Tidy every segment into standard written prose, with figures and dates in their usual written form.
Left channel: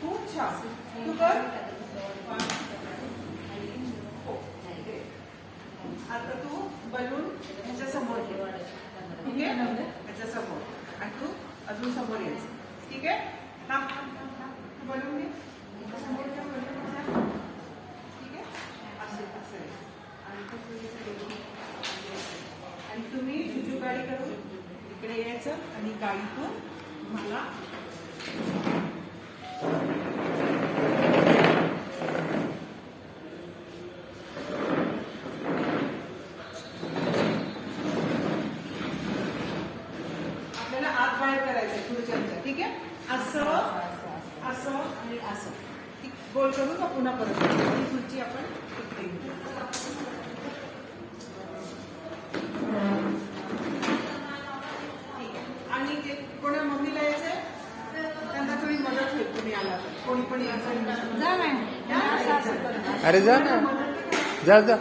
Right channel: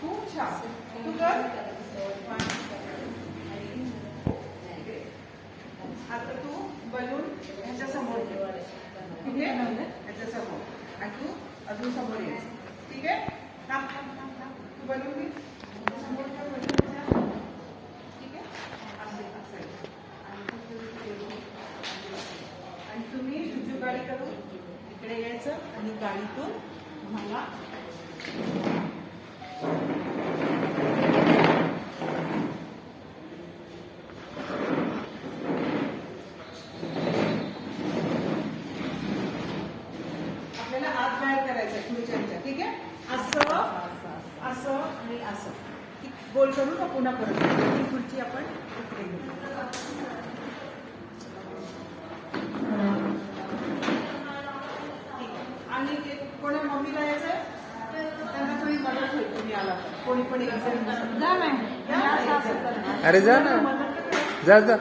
खूप छान तू कर. आता तू बलून ह्याच्या समोर घे. ठीक आहे, ह्याच्या समोर आणि तू अजून समोर यायचं. ठीक आहे, थांब थांब थांब थांब. तू बलून घे समोर ठेव बलून. ठीक आहे, असं असं आणि तुम्ही जुजू गाडी करून इकडे यायचं आणि गाडीतून मला आपल्याला आत बाहेर करायचं खुर्च्यांच्या. ठीक आहे, असं असं आणि असं गोल करू का पुन्हा करू. ही खुर्ची आपण इकडे घेऊ. आणि कोणा मम्मीला यायचंय त्यांना थोडी मदत होईल. तुम्ही आला तर कोणी पण जा नाही. अरे जा ना, जा जा.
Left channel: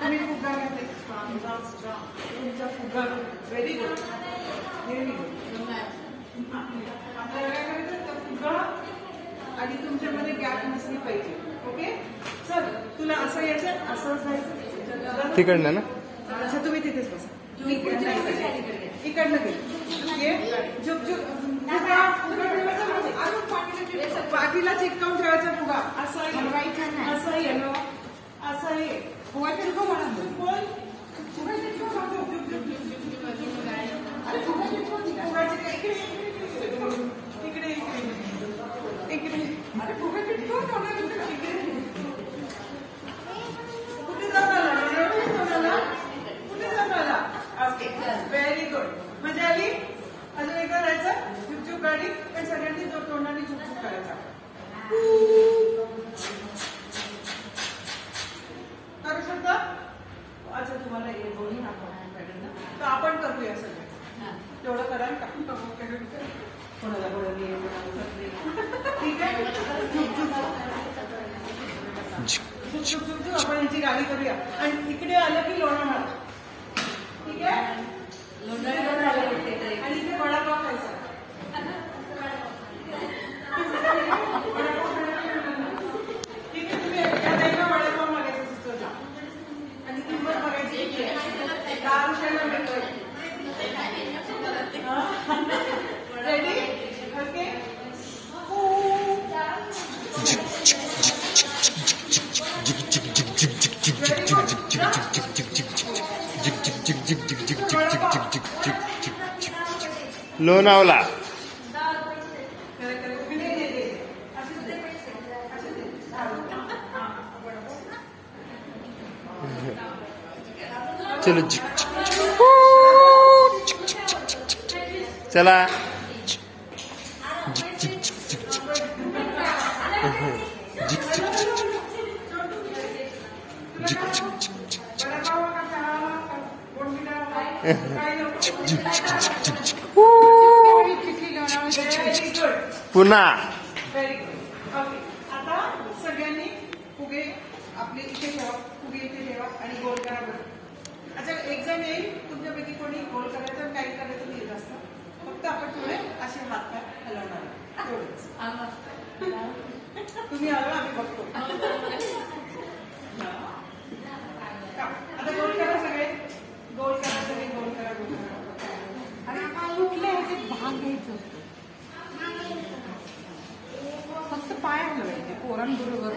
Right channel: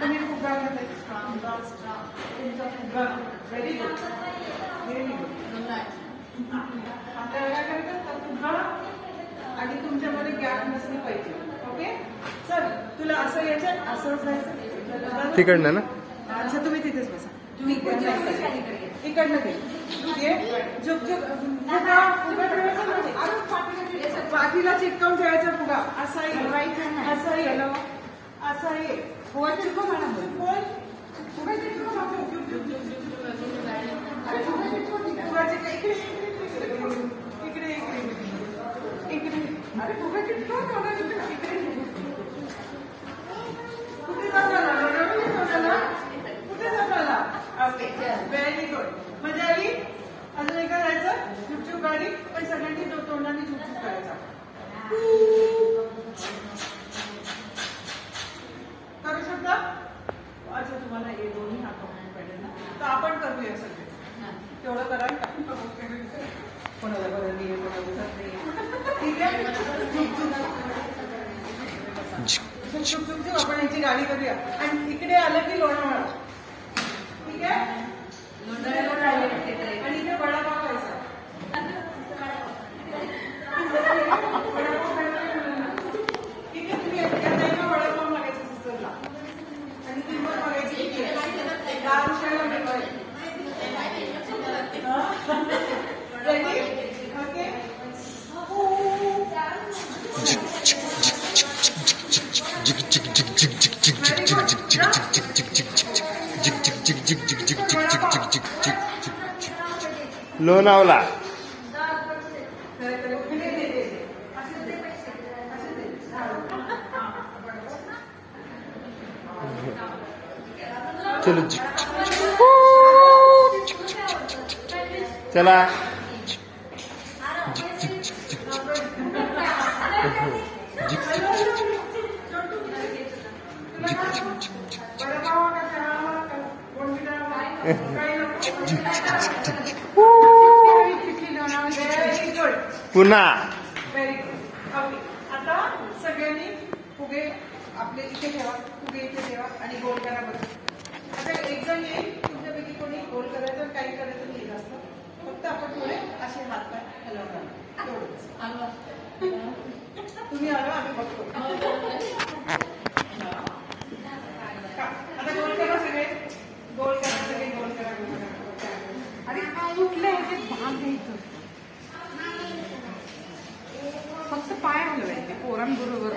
तुम्ही फुगा तुमचा फुगा व्हेरी गुड व्हेरी गुड. आता काय करायचं फुगा आणि तुमच्यामध्ये गॅप नसली पाहिजे. ओके, चल तुला असं यायचं असं जायचं तिकडनं ना. अच्छा तुम्ही तिथेच बसा. इकडनं घे. झुक झुक फुगा फुगा ठेवायचा पाठीला चिटकावून ठेवायचा फुगा. असाही असाही असाही फुगा चिटकव मला बोल. फुगा चिटकव फुगा चिटकव इकडे इकडे इकडे. अरे फुगा चिटकव इकडे. कुठे जाणार ओके व्हेरी गुड. मजा आली. अजून एकदा जायचं झुकझुक गाडी पण सगळ्यांनी तोंडाने झुकझुक करायचा. करू शकता. अच्छा तुम्हाला हे दोन्ही हात पाहिजे ना तर आपण करूया सगळे. तेवढं कराल का कोणाला बरं ठीक आहे. झुकझुक आपण यांची गाडी करूया आणि इकडे आलं की लोणावळा. ठीक आहे, आणि इथे वडापाव खायचा. ठीक आहे, तुम्ही एका वडापाव मागायचा सिस्टरला आणि किंमत बघायची किती आहे. 10 रुपयाला भेटवायची. Ready okay. लोणावळा. चलो चला. पुन्हा व्हेरी गुड. ओके, आता सगळ्यांनी फुगे आपले इथे ठेवा. फुगे इथे ठेवा आणि गोल करा बरं. आता एक जण येईल तुमच्यापैकी कोणी गोल करायचं काही करायचं नाही जास्त. फक्त आपण थोडे असे हात पाय हलवणार तेवढंच. तुम्ही आलो आम्ही बघतो. आता गोल करा सगळे. गोल करा सगळे. गोल करा गोल करा. आणि कुठल्या ह्याचे भाग घ्यायचं फक्त पाय हलवायचे पोरांबरोबर.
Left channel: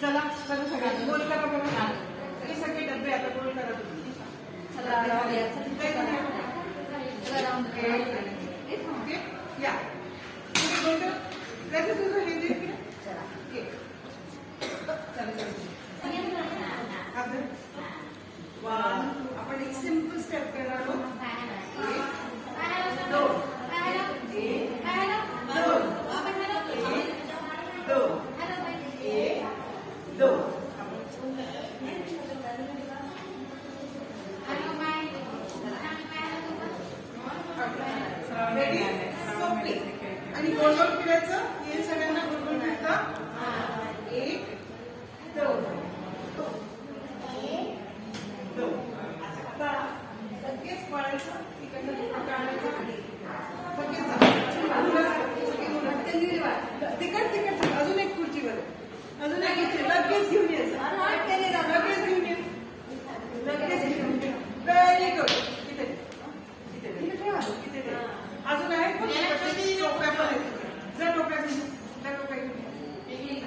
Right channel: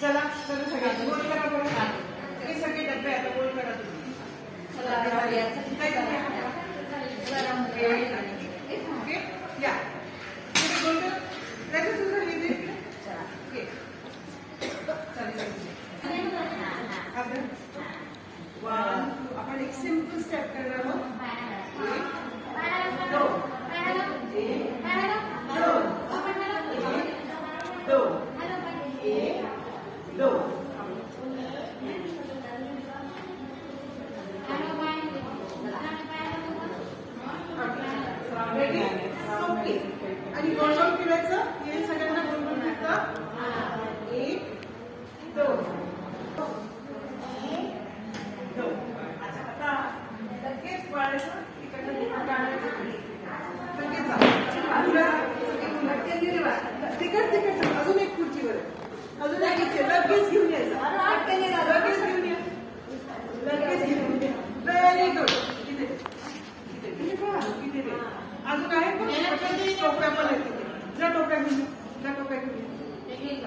चला चला सगळे गोल करा बरोबर. हे सगळे डबे आता गोल करा तुम्ही. ओके या गोल कर. त्याचं तुझं लिहिजे. आपण एक सिंपल स्टेप करणार आहोत. 1 2 1 2 1 2 1 2 लगेच घेऊन यायचं. लगेच घेऊन ये. लगेच घेऊन ये. Very good. इथे ठेवा. अजून आहे पण टोप्या पण आहेत. जर टोप्या घेऊन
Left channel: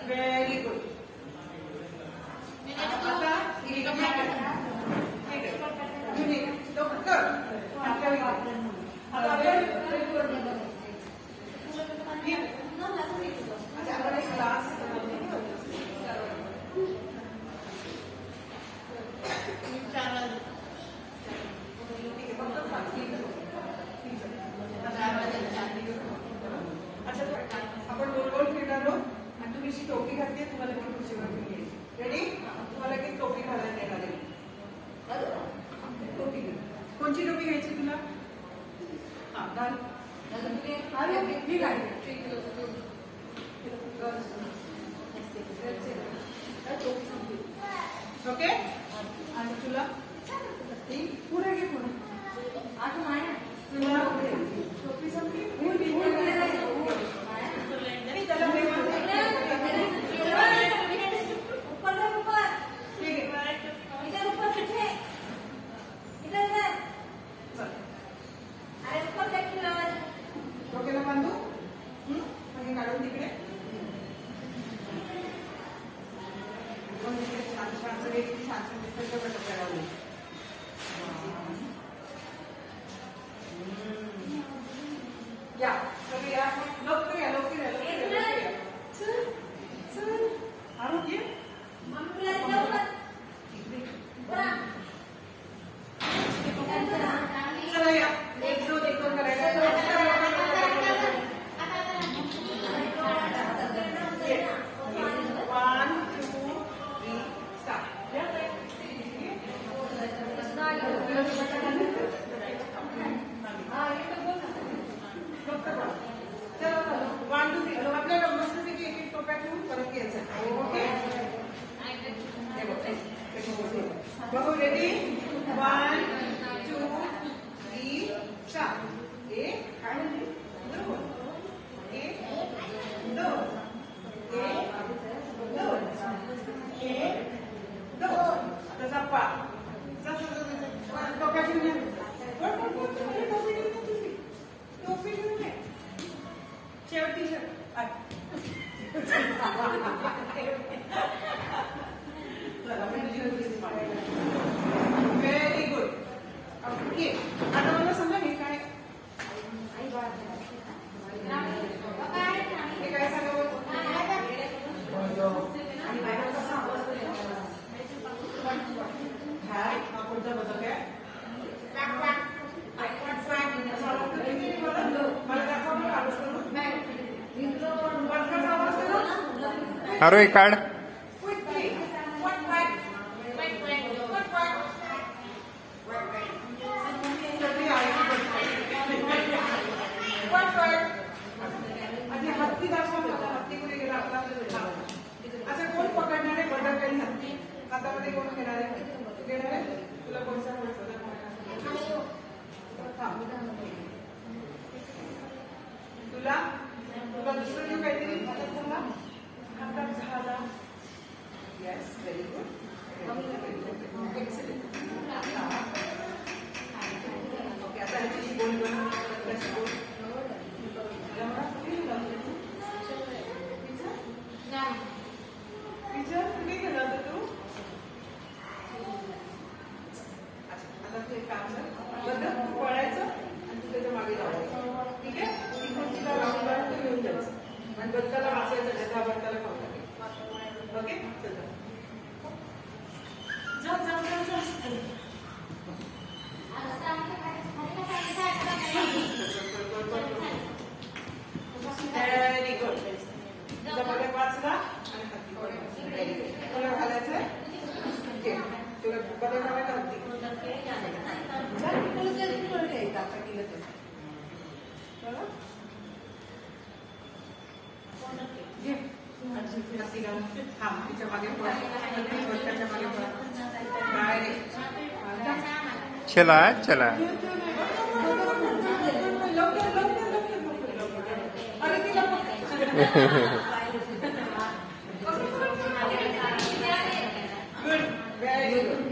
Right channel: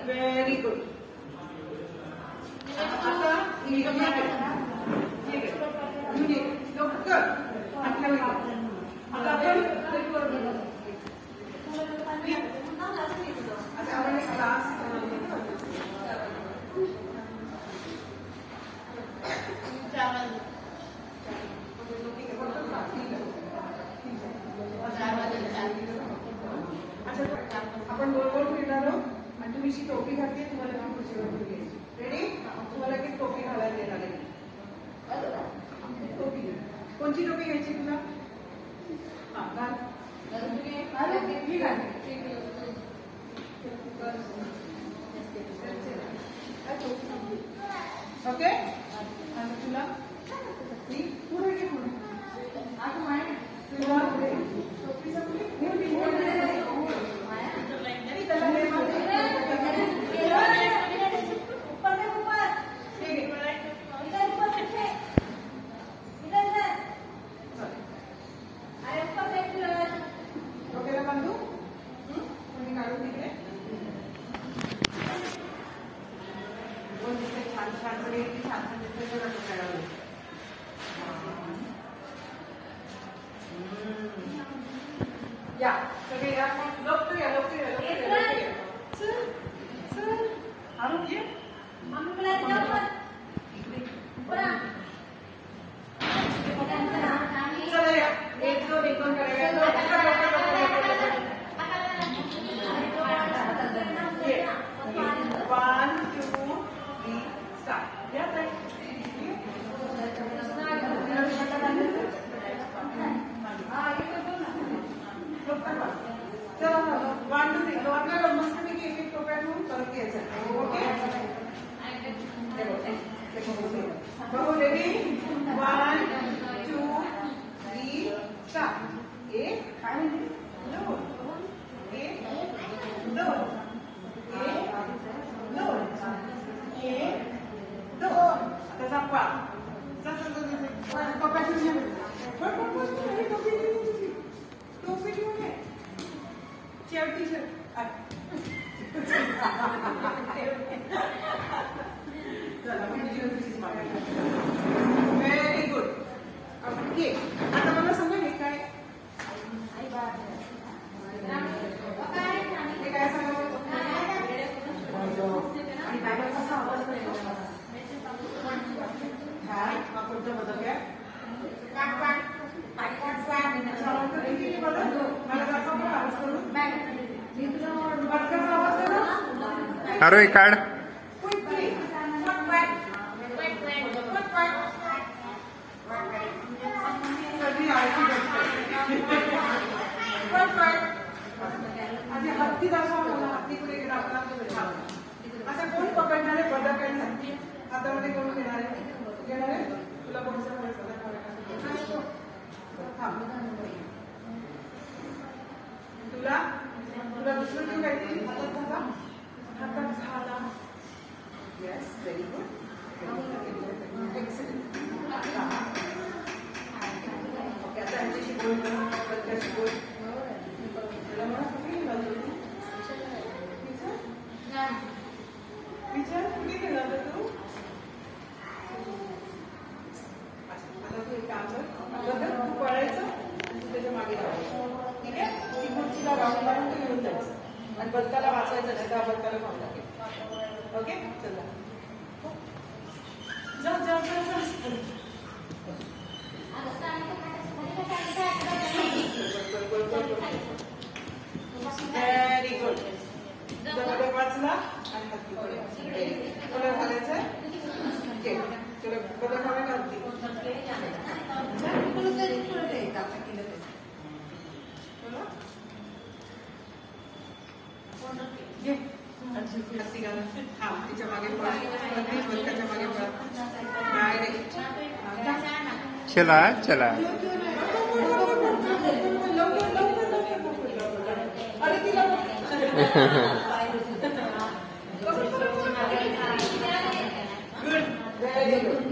व्हेरी गुड. आता आपण गोल गोल फिरणार आहोत आणि तुम्ही अशी टोपी घातली तुम्हाला ती खुर्चीवर ठेवली. रेडी? तुम्हाला ती टोपी घालायला देणार आहे. टोपी कोणची टोपी घ्यायची तुला? हा घाल. ओके आणि तुला ती पुढे घे. पुढे टोपी संपली. डोक्याला बांधू म्हणजे काढून तिकडे या सगळे या. लवकर या. चल चल आरोग्य चला या. एक दोन एक दोन करायचं. आपल्याला मस्तपैकी एक एक टोप्या घेऊन परत यायचं. ओके बघू. रेडी? 1 2 3 4. एक काय म्हणजे दोन. एक दोन. एक दोन. एक दोन. आता zappa. टोप्या घेऊन टोपी घेऊन ये. शेवटी व्हेरी गुड. ओके आता मला सांगा हे काय? हे काय सांगा? आणि मॅडम कसा आवाज हा कोणत्या बदल काय? मला दाखवा मला आवाज करून. अरे काढ. हत्ती दाखवा मला. हत्ती कुठे गेला? अच्छा कोण पकडणार आहे? बडा काही हत्ती हातामध्ये कोण घेणार आहे? घेणार आहे तुला कोणत्या तुला तुला दुसरं घेऊन काहीतरी हातात झाला. Yes very good. Excellent. Okay आता यांच्याशी बोल. विचार कुठे गेला होता तू? आता तू एक काम कर. बदल तू पळायचं आणि त्याच्या मागे लावायचं. ठीक आहे? तुला वाटून घेऊन जायचं आणि बदकाला वाचायचं. त्या बदकाला खाऊन टाकेल. ओके चला जा जा जा जा. Very good. बदक वाचला आणि तुला घालायचंय. तुला बदक घालायला लागते. हा तिच्या मागे चला चला. अरे तिला व्हेरी गुड.